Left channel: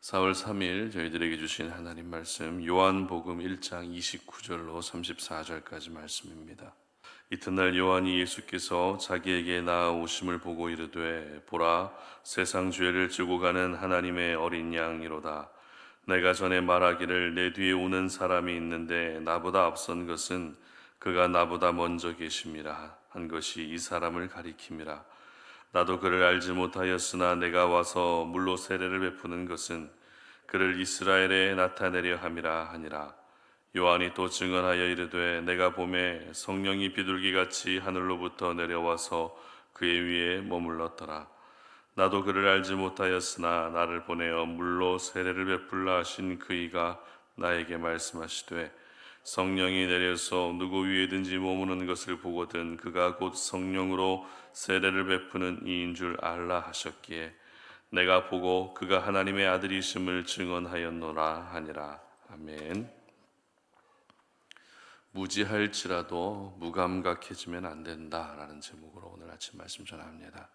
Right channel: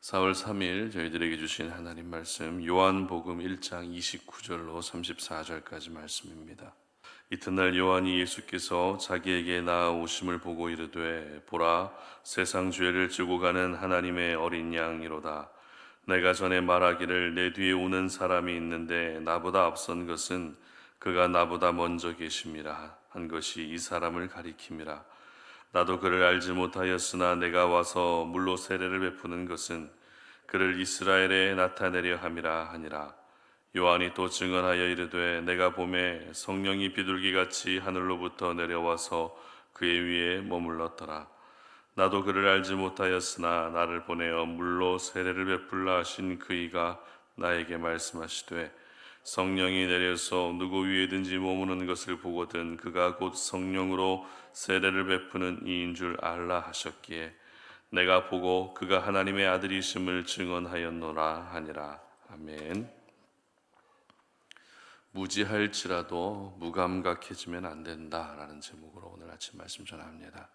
4월 3일 저희들에게 주신 하나님 말씀 요한복음 1장 29절로 34절까지 말씀입니다. 이튿날 요한이 예수께서 자기에게 나아오심을 보고 이르되 보라 세상 죄를 지고 가는 하나님의 어린 양이로다. 내가 전에 말하기를 내 뒤에 오는 사람이 있는데 나보다 앞선 것은 그가 나보다 먼저 계심이라 한 것이 이 사람을 가리킴이라. 나도 그를 알지 못하였으나 내가 와서 물로 세례를 베푸는 것은 그를 이스라엘에 나타내려 함이라 하니라. 요한이 또 증언하여 이르되 내가 보매 성령이 비둘기같이 하늘로부터 내려와서 그의 위에 머물렀더라. 나도 그를 알지 못하였으나 나를 보내어 물로 세례를 베풀라 하신 그이가 나에게 말씀하시되 성령이 내려서 누구 위에든지 머무는 것을 보거든 그가 곧 성령으로 세례를 베푸는 이인 줄 알라 하셨기에 내가 보고 그가 하나님의 아들이심을 증언하였노라 하니라. 아멘. 무지할지라도 무감각해지면 안 된다라는 제목으로 오늘 아침 말씀 전합니다.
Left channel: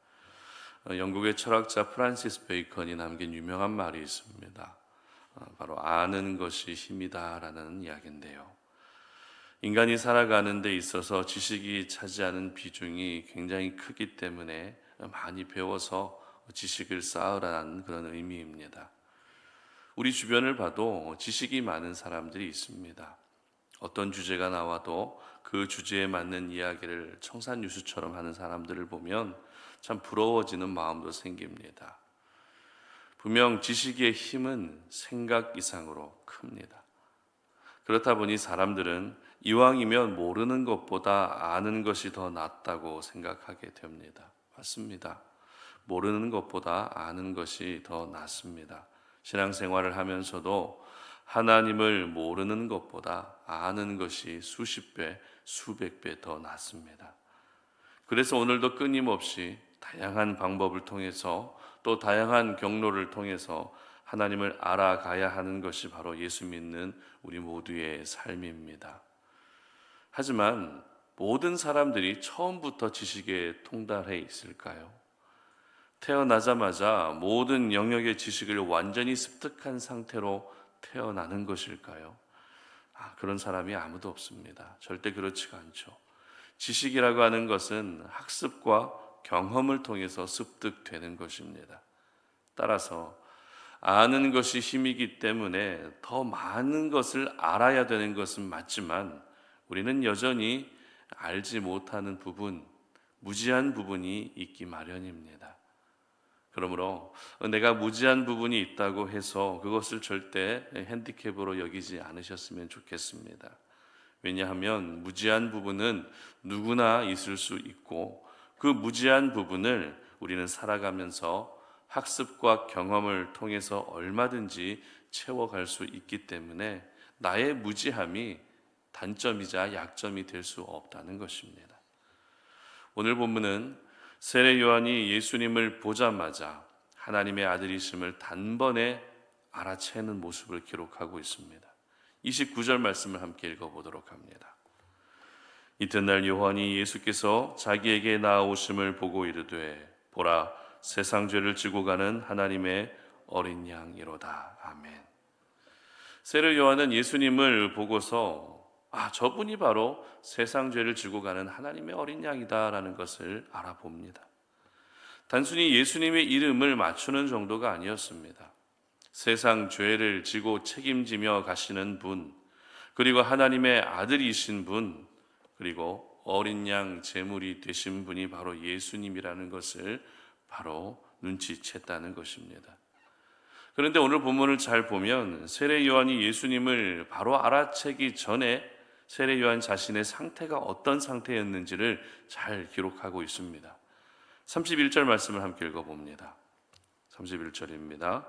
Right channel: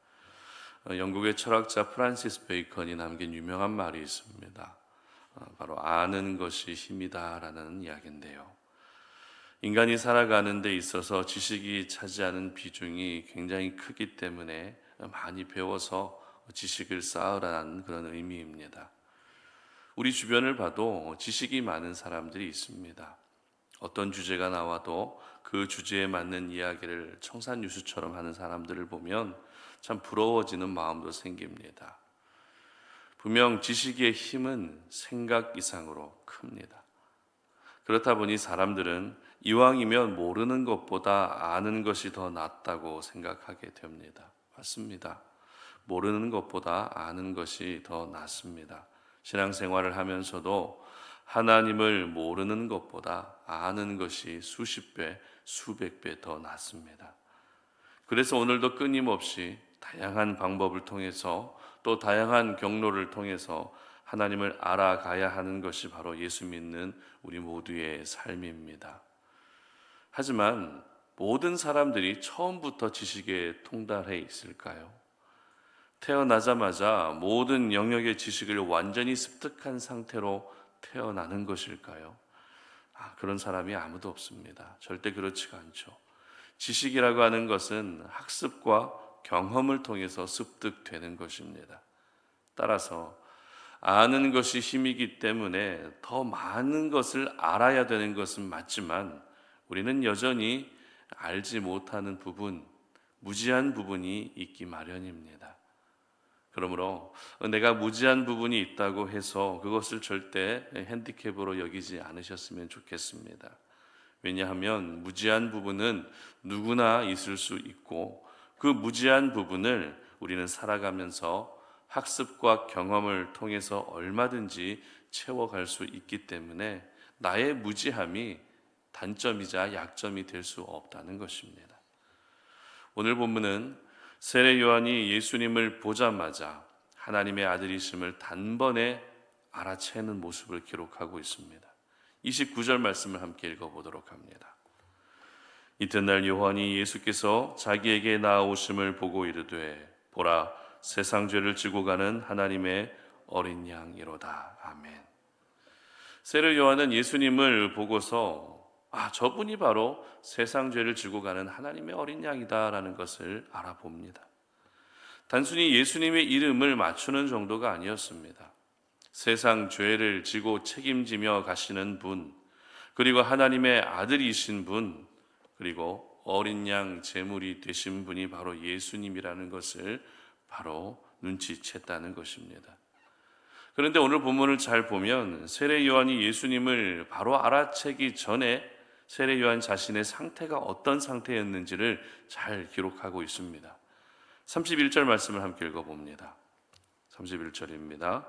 영국의 철학자 프란시스 베이컨이 남긴 유명한 말이 있습니다. 바로 아는 것이 힘이다라는 이야기인데요. 인간이 살아가는 데 있어서 지식이 차지하는 비중이 굉장히 크기 때문에 많이 배워서 지식을 쌓으라는 그런 의미입니다. 우리 주변을 봐도 지식이 많은 사람들이 있습니다. 어떤 주제가 나와도 그 주제에 맞는 이야기를 청산유수처럼 하는 사람들을 보면 참 부러워지는 마음도 생깁니다. 분명 지식의 힘은 생각 이상으로 큽니다. 그렇다 보니 사람들은 이왕이면 모르는 것보다 아는 것이 더 낫다고 생각하게 됩니다. 맞습니다. 모르는 것보다 아는 것이 더 낫습니다. 신앙생활을 하면서도 하나님을 모르는 것보다 아는 것이 수십 배, 수백 배 더 낫습니다. 그래서 오늘도 끊임없이 다양한 방법을 통해서 또 다양한 경로를 통해서 하나님을 알아가야 하는 것이 바로 예수 믿는 우리 모두의 삶입니다. 하지만 모든 사람들이 처음부터 지식에 통달해 있을까요? 태어나자마자 모든 영역의 지식을 완전히 습득한 상태로 태어나는 것일까요? 그런 사람이 아무도 없습니다. 절대 그렇지가 않죠. 지식이라고 하는 것은 학습과 경험을 통해서 습득되는 것입니다. 따라서 아는 것이 힘이기 때문에 더 많은 것을 알아야 되는 것은 맞지만 우리는 여전히 알지 못하는 부분, 무지한 부분이 있기 마련입니다. 그러므로 내가 무지한 부분이 있다고 해서 그것을 절대 핸디캡으로 여기지 않으셨으면 좋겠습니다. 왜냐하면 무지한 부분은 누구나 있을 수 있고 그 무지한 부분을 우리는 살아가면서 학습과 경험을 통해서 얼마든지 채워갈 수 있기 때문에 나의 무지함이 단점이자 약점이 될 수 없다는 것입니다. 오늘 본문은 세례 요한이 예수님을 보자마자 하나님의 아들이심을 단번에 알아채는 모습을 기록하고 있습니다. 29절 말씀을 함께 읽어보도록 합니다. 이튿날 요한이 예수께서 자기에게 나아오심을 보고 이르되 보라 세상 죄를 지고 가는 하나님의 어린 양이로다. 아멘. 세례 요한은 예수님을 보고서 저분이 바로 세상 죄를 지고 가는 하나님의 어린 양이다라는 것을 알아봅니다. 단순히 예수님의 이름을 맞추는 정도가 아니었습니다. 세상 죄를 지고 책임지며 가시는 분, 그리고 하나님의 아들이신 분, 그리고 어린 양 제물이 되신 분이 바로 예수님이라는 것을 바로 눈치챘다는 것입니다. 그런데 오늘 본문을 잘 보면 세례 요한이 예수님을 바로 알아채기 전에 세례 요한 자신의 상태가 어떤 상태였는지를 잘 기록하고 있습니다. 31절 말씀을 함께 읽어봅니다. 31절입니다.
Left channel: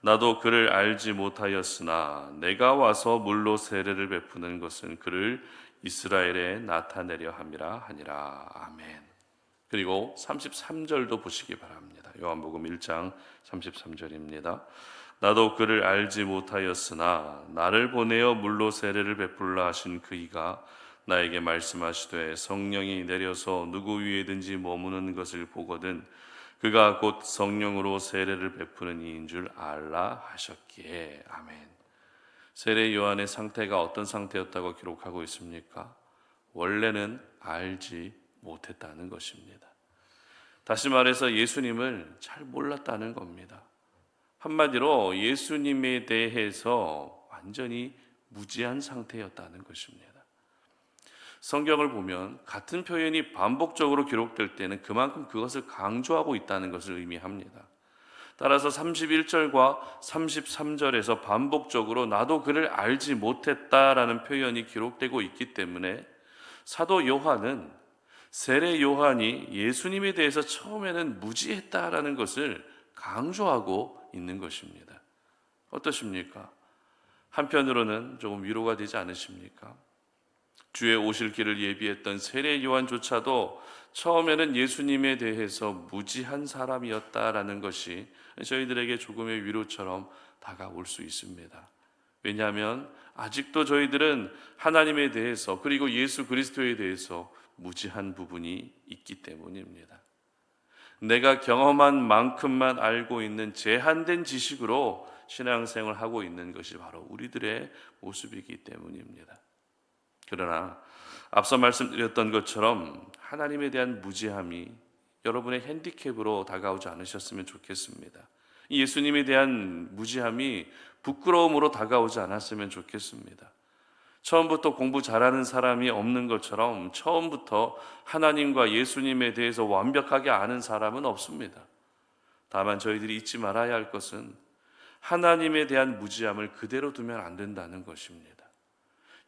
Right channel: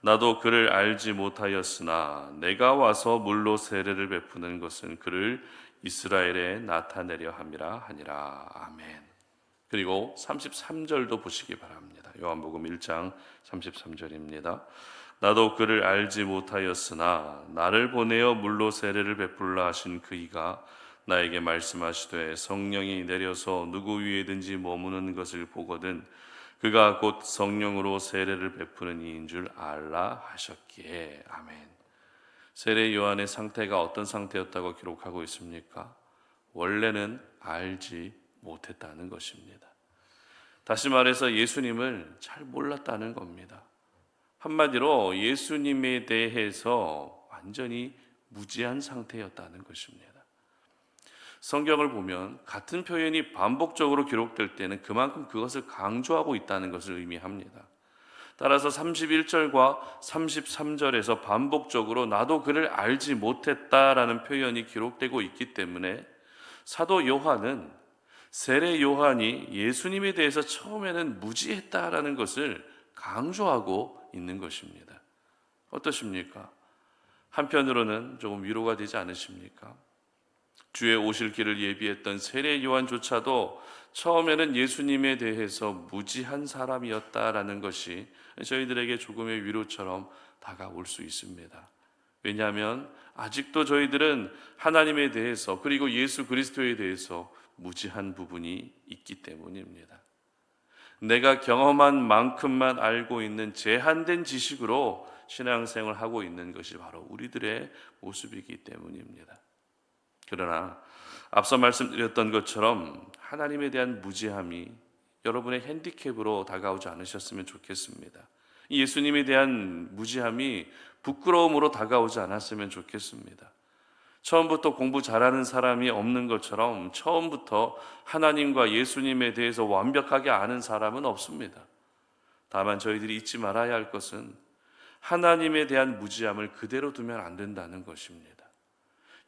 나도 그를 알지 못하였으나 내가 와서 물로 세례를 베푸는 것은 그를 이스라엘에 나타내려 함이라 하니라. 아멘. 그리고 33절도 보시기 바랍니다. 요한복음 1장 33절입니다. 나도 그를 알지 못하였으나 나를 보내어 물로 세례를 베풀라 하신 그이가 나에게 말씀하시되 성령이 내려서 누구 위에든지 머무는 것을 보거든 그가 곧 성령으로 세례를 베푸는 이인 줄 알라 하셨기에. 아멘. 세례 요한의 상태가 어떤 상태였다고 기록하고 있습니까? 원래는 알지 못했다는 것입니다. 다시 말해서 예수님을 잘 몰랐다는 겁니다. 한마디로 예수님에 대해서 완전히 무지한 상태였다는 것입니다. 성경을 보면 같은 표현이 반복적으로 기록될 때는 그만큼 그것을 강조하고 있다는 것을 의미합니다. 따라서 31절과 33절에서 반복적으로 나도 그를 알지 못했다라는 표현이 기록되고 있기 때문에 사도 요한은 세례 요한이 예수님에 대해서 처음에는 무지했다라는 것을 강조하고 있는 것입니다. 어떠십니까? 한편으로는 조금 위로가 되지 않으십니까? 주의 오실 길을 예비했던 세례 요한조차도 처음에는 예수님에 대해서 무지한 사람이었다라는 것이 저희들에게 조금의 위로처럼 다가올 수 있습니다. 왜냐하면 아직도 저희들은 하나님에 대해서 그리고 예수 그리스도에 대해서 무지한 부분이 있기 때문입니다. 내가 경험한 만큼만 알고 있는 제한된 지식으로 신앙생활을 하고 있는 것이 바로 우리들의 모습이기 때문입니다. 그러나 앞서 말씀드렸던 것처럼 하나님에 대한 무지함이 여러분의 핸디캡으로 다가오지 않으셨으면 좋겠습니다. 예수님에 대한 무지함이 부끄러움으로 다가오지 않았으면 좋겠습니다. 처음부터 공부 잘하는 사람이 없는 것처럼 처음부터 하나님과 예수님에 대해서 완벽하게 아는 사람은 없습니다. 다만 저희들이 잊지 말아야 할 것은 하나님에 대한 무지함을 그대로 두면 안 된다는 것입니다.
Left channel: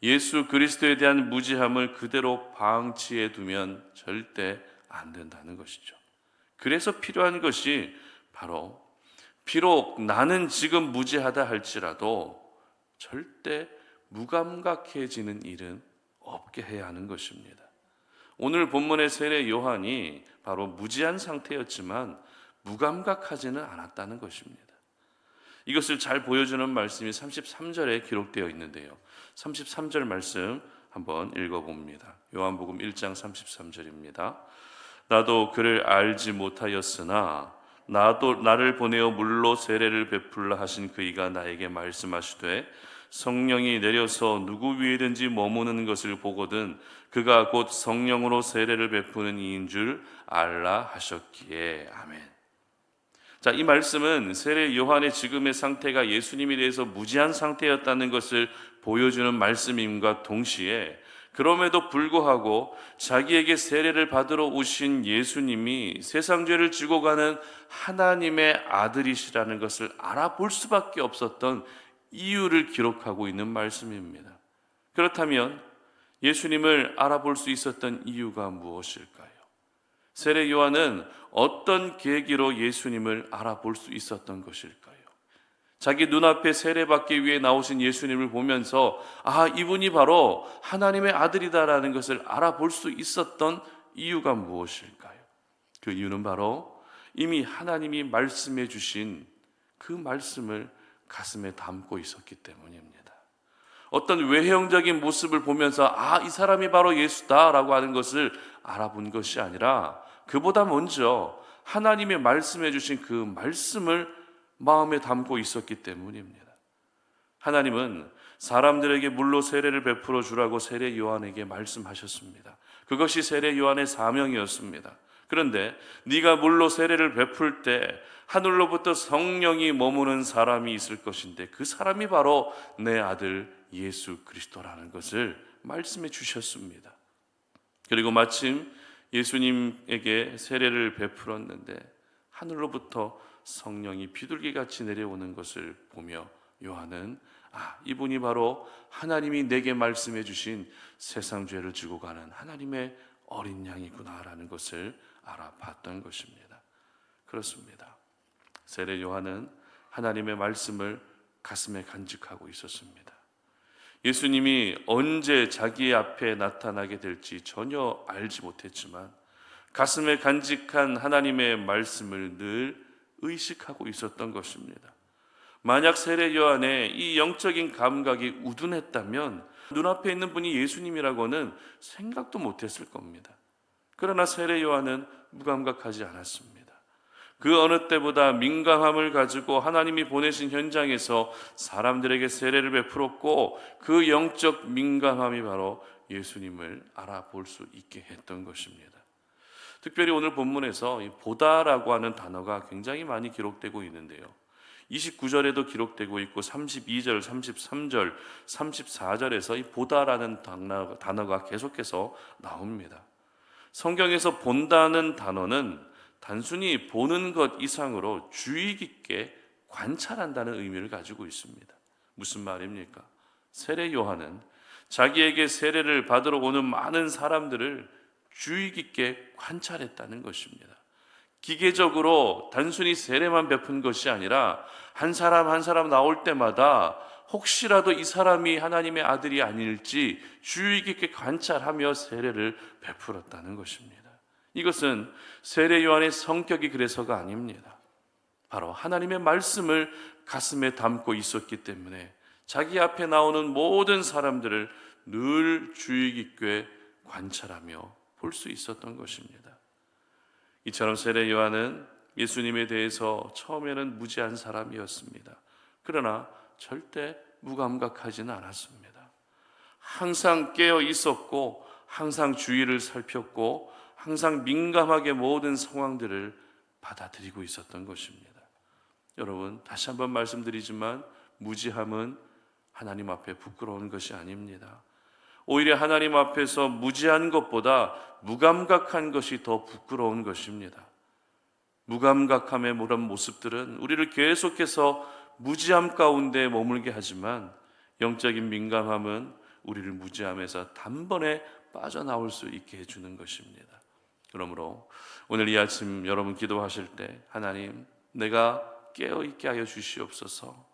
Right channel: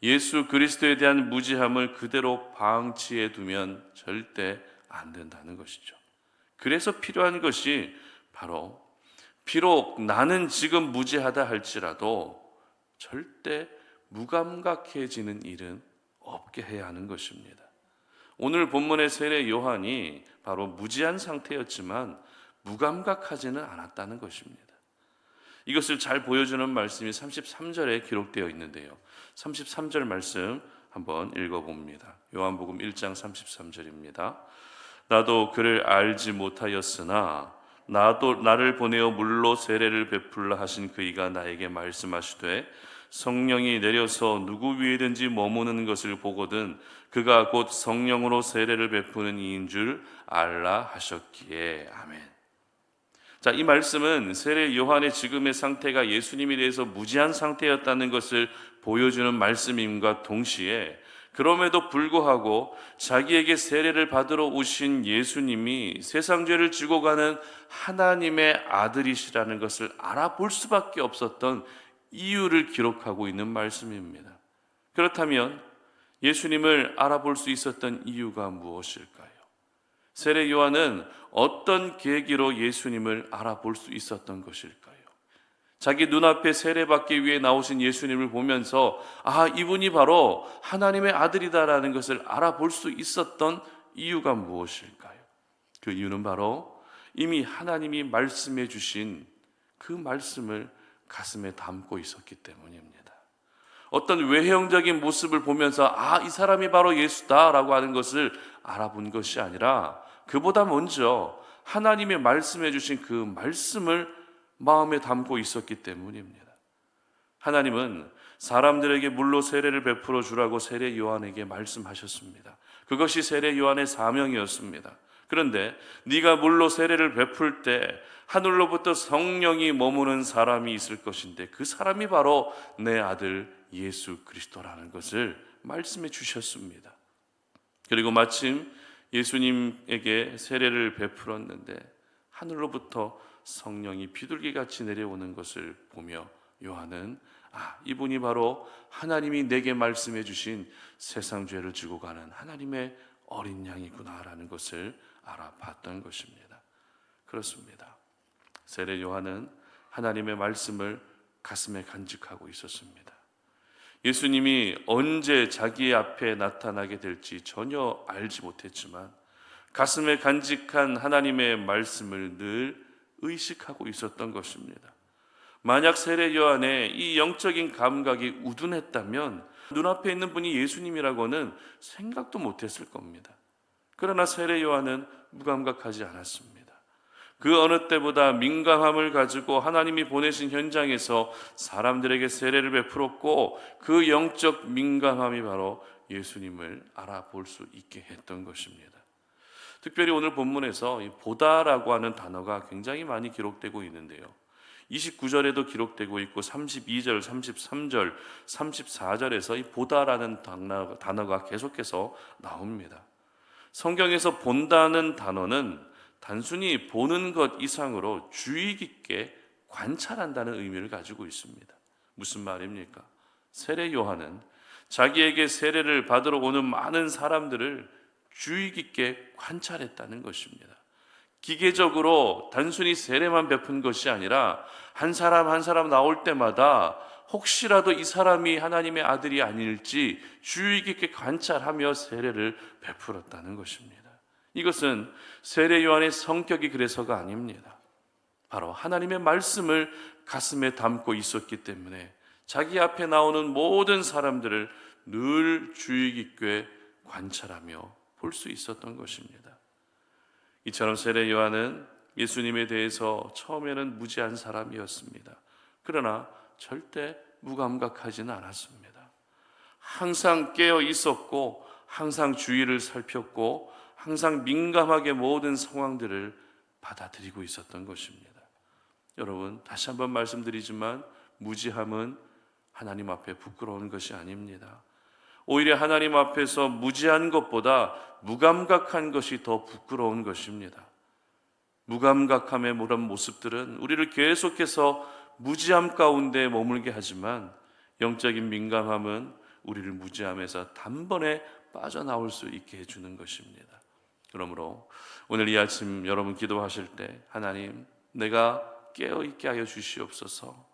예수 그리스도에 대한 무지함을 그대로 방치해 두면 절대 안 된다는 것이죠. 그래서 필요한 것이 바로 비록 나는 지금 무지하다 할지라도 절대 무감각해지는 일은 없게 해야 하는 것입니다. 오늘 본문의 세례 요한이 바로 무지한 상태였지만 무감각하지는 않았다는 것입니다. 이것을 잘 보여주는 말씀이 33절에 기록되어 있는데요. 33절 말씀 한번 읽어봅니다. 요한복음 1장 33절입니다. 나도 그를 알지 못하였으나 나를 보내어 물로 세례를 베풀라 하신 그이가 나에게 말씀하시되 성령이 내려서 누구 위에든지 머무는 것을 보거든 그가 곧 성령으로 세례를 베푸는 이인 줄 알라 하셨기에. 아멘. 자, 이 말씀은 세례 요한의 지금의 상태가 예수님에 대해서 무지한 상태였다는 것을 보여주는 말씀임과 동시에 그럼에도 불구하고 자기에게 세례를 받으러 오신 예수님이 세상 죄를 지고 가는 하나님의 아들이시라는 것을 알아볼 수밖에 없었던 이유를 기록하고 있는 말씀입니다. 그렇다면 예수님을 알아볼 수 있었던 이유가 무엇일까요? 세례 요한은 어떤 계기로 예수님을 알아볼 수 있었던 것일까요? 자기 눈앞에 세례받기 위해 나오신 예수님을 보면서 이분이 바로 하나님의 아들이다라는 것을 알아볼 수 있었던 이유가 무엇일까요? 그 이유는 바로 이미 하나님이 말씀해 주신 그 말씀을 가슴에 담고 있었기 때문입니다. 어떤 외형적인 모습을 보면서 이 사람이 바로 예수다라고 하는 것을 알아본 것이 아니라 그보다 먼저 하나님의 말씀해 주신 그 말씀을 마음에 담고 있었기 때문입니다. 하나님은 사람들에게 물로 세례를 베풀어 주라고 세례 요한에게 말씀하셨습니다. 그것이 세례 요한의 사명이었습니다. 그런데 네가 물로 세례를 베풀 때 하늘로부터 성령이 머무는 사람이 있을 것인데 그 사람이 바로 내 아들 예수 그리스도라는 것을 말씀해 주셨습니다. 그리고 마침 예수님에게 세례를 베풀었는데 하늘로부터 성령이 비둘기같이 내려오는 것을 보며 요한은 이분이 바로 하나님이 내게 말씀해 주신 세상 죄를 지고 가는 하나님의 어린 양이구나라는 것을 알아봤던 것입니다. 그렇습니다. 세례 요한은 하나님의 말씀을 가슴에 간직하고 있었습니다. 예수님이 언제 자기 앞에 나타나게 될지 전혀 알지 못했지만 가슴에 간직한 하나님의 말씀을 늘 의식하고 있었던 것입니다. 만약 세례 요한의 이 영적인 감각이 우둔했다면 눈앞에 있는 분이 예수님이라고는 생각도 못했을 겁니다. 그러나 세례 요한은 무감각하지 않았습니다. 그 어느 때보다 민감함을 가지고 하나님이 보내신 현장에서 사람들에게 세례를 베풀었고, 그 영적 민감함이 바로 예수님을 알아볼 수 있게 했던 것입니다. 특별히 오늘 본문에서 이 보다라고 하는 단어가 굉장히 많이 기록되고 있는데요, 29절에도 기록되고 있고 32절, 33절, 34절에서 이 보다라는 단어가 계속해서 나옵니다. 성경에서 본다는 단어는 단순히 보는 것 이상으로 주의 깊게 관찰한다는 의미를 가지고 있습니다. 무슨 말입니까? 세례 요한은 자기에게 세례를 받으러 오는 많은 사람들을 주의 깊게 관찰했다는 것입니다. 기계적으로 단순히 세례만 베푼 것이 아니라 한 사람 한 사람 나올 때마다 혹시라도 이 사람이 하나님의 아들이 아닐지 주의 깊게 관찰하며 세례를 베풀었다는 것입니다. 이것은 세례 요한의 성격이 그래서가 아닙니다. 바로 하나님의 말씀을 가슴에 담고 있었기 때문에 자기 앞에 나오는 모든 사람들을 늘 주의 깊게 관찰하며 볼 수 있었던 것입니다. 이처럼 세례 요한은 예수님에 대해서 처음에는 무지한 사람이었습니다. 그러나 절대 무감각하지는 않았습니다. 항상 깨어 있었고, 항상 주위를 살폈고, 항상 민감하게 모든 상황들을 받아들이고 있었던 것입니다. 여러분, 다시 한번 말씀드리지만 무지함은 하나님 앞에 부끄러운 것이 아닙니다. 오히려 하나님 앞에서 무지한 것보다 무감각한 것이 더 부끄러운 것입니다. 무감각함의 그런 모습들은 우리를 계속해서 무지함 가운데 머물게 하지만, 영적인 민감함은 우리를 무지함에서 단번에 빠져나올 수 있게 해주는 것입니다. 그러므로 오늘 이 아침 여러분 기도하실 때, 하나님, 내가 깨어있게 하여 주시옵소서,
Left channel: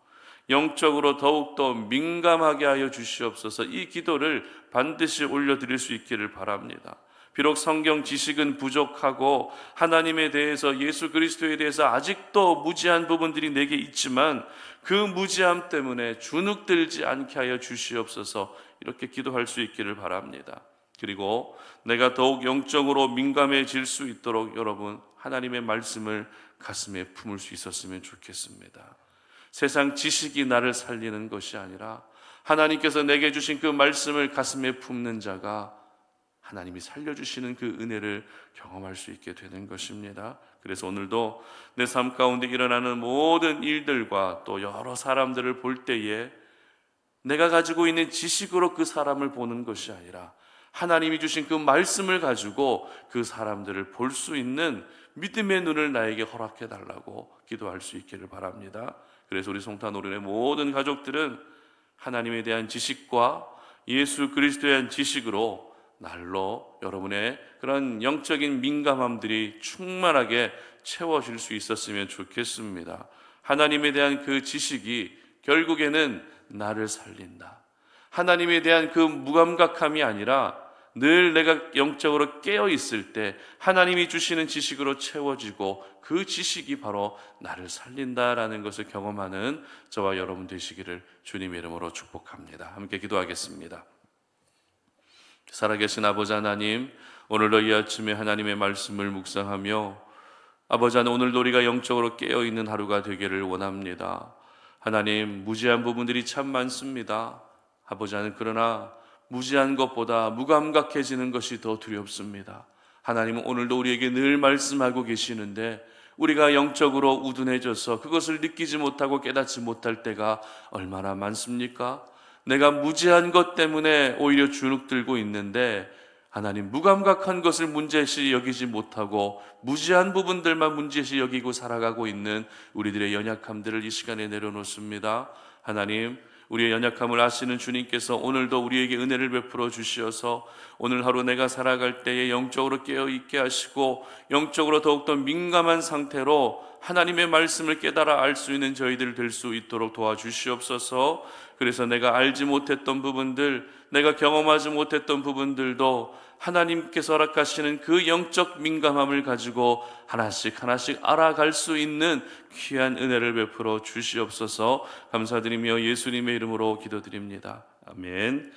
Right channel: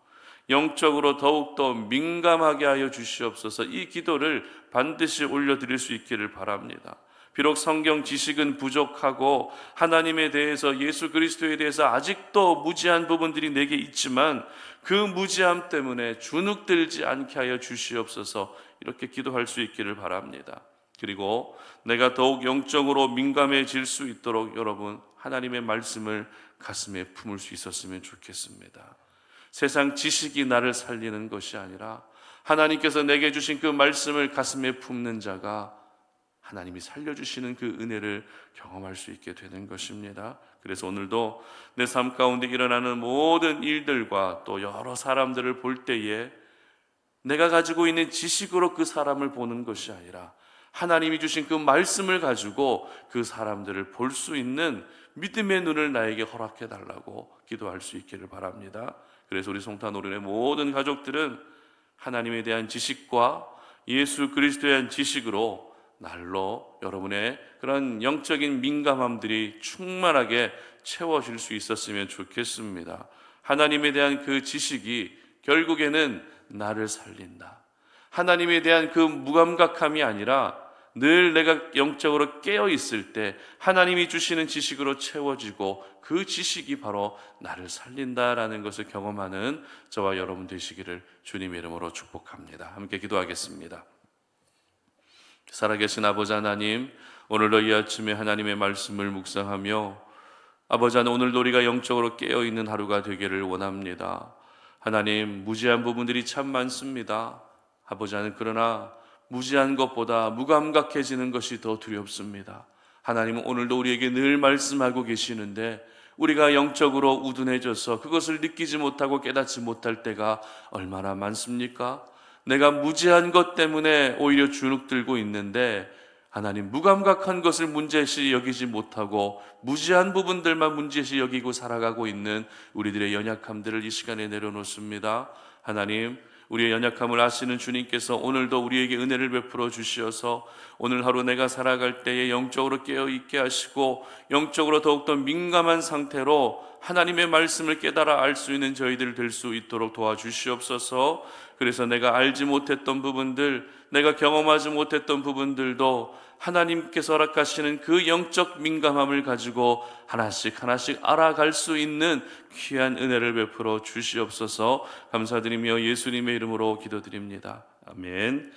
영적으로 더욱더 민감하게 하여 주시옵소서, 이 기도를 반드시 올려드릴 수 있기를 바랍니다. 비록 성경 지식은 부족하고 하나님에 대해서, 예수 그리스도에 대해서 아직도 무지한 부분들이 내게 있지만, 그 무지함 때문에 주눅들지 않게 하여 주시옵소서, 이렇게 기도할 수 있기를 바랍니다. 그리고 내가 더욱 영적으로 민감해질 수 있도록 여러분, 하나님의 말씀을 가슴에 품을 수 있었으면 좋겠습니다. 세상 지식이 나를 살리는 것이 아니라 하나님께서 내게 주신 그 말씀을 가슴에 품는 자가 하나님이 살려주시는 그 은혜를 경험할 수 있게 되는 것입니다. 그래서 오늘도 내 삶 가운데 일어나는 모든 일들과 또 여러 사람들을 볼 때에 내가 가지고 있는 지식으로 그 사람을 보는 것이 아니라 하나님이 주신 그 말씀을 가지고 그 사람들을 볼 수 있는 믿음의 눈을 나에게 허락해 달라고 기도할 수 있기를 바랍니다. 그래서 우리 송탄오륜의 모든 가족들은 하나님에 대한 지식과 예수 그리스도에 대한 지식으로 날로 여러분의 그런 영적인 민감함들이 충만하게 채워질 수 있었으면 좋겠습니다. 하나님에 대한 그 지식이 결국에는 나를 살린다. 하나님에 대한 그 무감각함이 아니라 늘 내가 영적으로 깨어 있을 때 하나님이 주시는 지식으로 채워지고, 그 지식이 바로 나를 살린다라는 것을 경험하는 저와 여러분 되시기를 주님의 이름으로 축복합니다. 함께 기도하겠습니다. 살아계신 아버지 하나님, 오늘도 이 아침에 하나님의 말씀을 묵상하며, 아버지 하나님, 오늘도 우리가 영적으로 깨어있는 하루가 되기를 원합니다. 하나님, 무지한 부분들이 참 많습니다. 아버지 하나님, 그러나 무지한 것보다 무감각해지는 것이 더 두렵습니다. 하나님은 오늘도 우리에게 늘 말씀하고 계시는데, 우리가 영적으로 우둔해져서 그것을 느끼지 못하고 깨닫지 못할 때가 얼마나 많습니까? 내가 무지한 것 때문에 오히려 주눅들고 있는데, 하나님, 무감각한 것을 문제시 여기지 못하고 무지한 부분들만 문제시 여기고 살아가고 있는 우리들의 연약함들을 이 시간에 내려놓습니다. 하나님, 우리의 연약함을 아시는 주님께서 오늘도 우리에게 은혜를 베풀어 주시어서 오늘 하루 내가 살아갈 때에 영적으로 깨어있게 하시고, 영적으로 더욱더 민감한 상태로 하나님의 말씀을 깨달아 알 수 있는 저희들 될 수 있도록 도와주시옵소서. 그래서 내가 알지 못했던 부분들, 내가 경험하지 못했던 부분들도 하나님께서 허락하시는 그 영적 민감함을 가지고 하나씩 하나씩 알아갈 수 있는 귀한 은혜를 베풀어 주시옵소서. 감사드리며 예수님의 이름으로 기도드립니다. 아멘.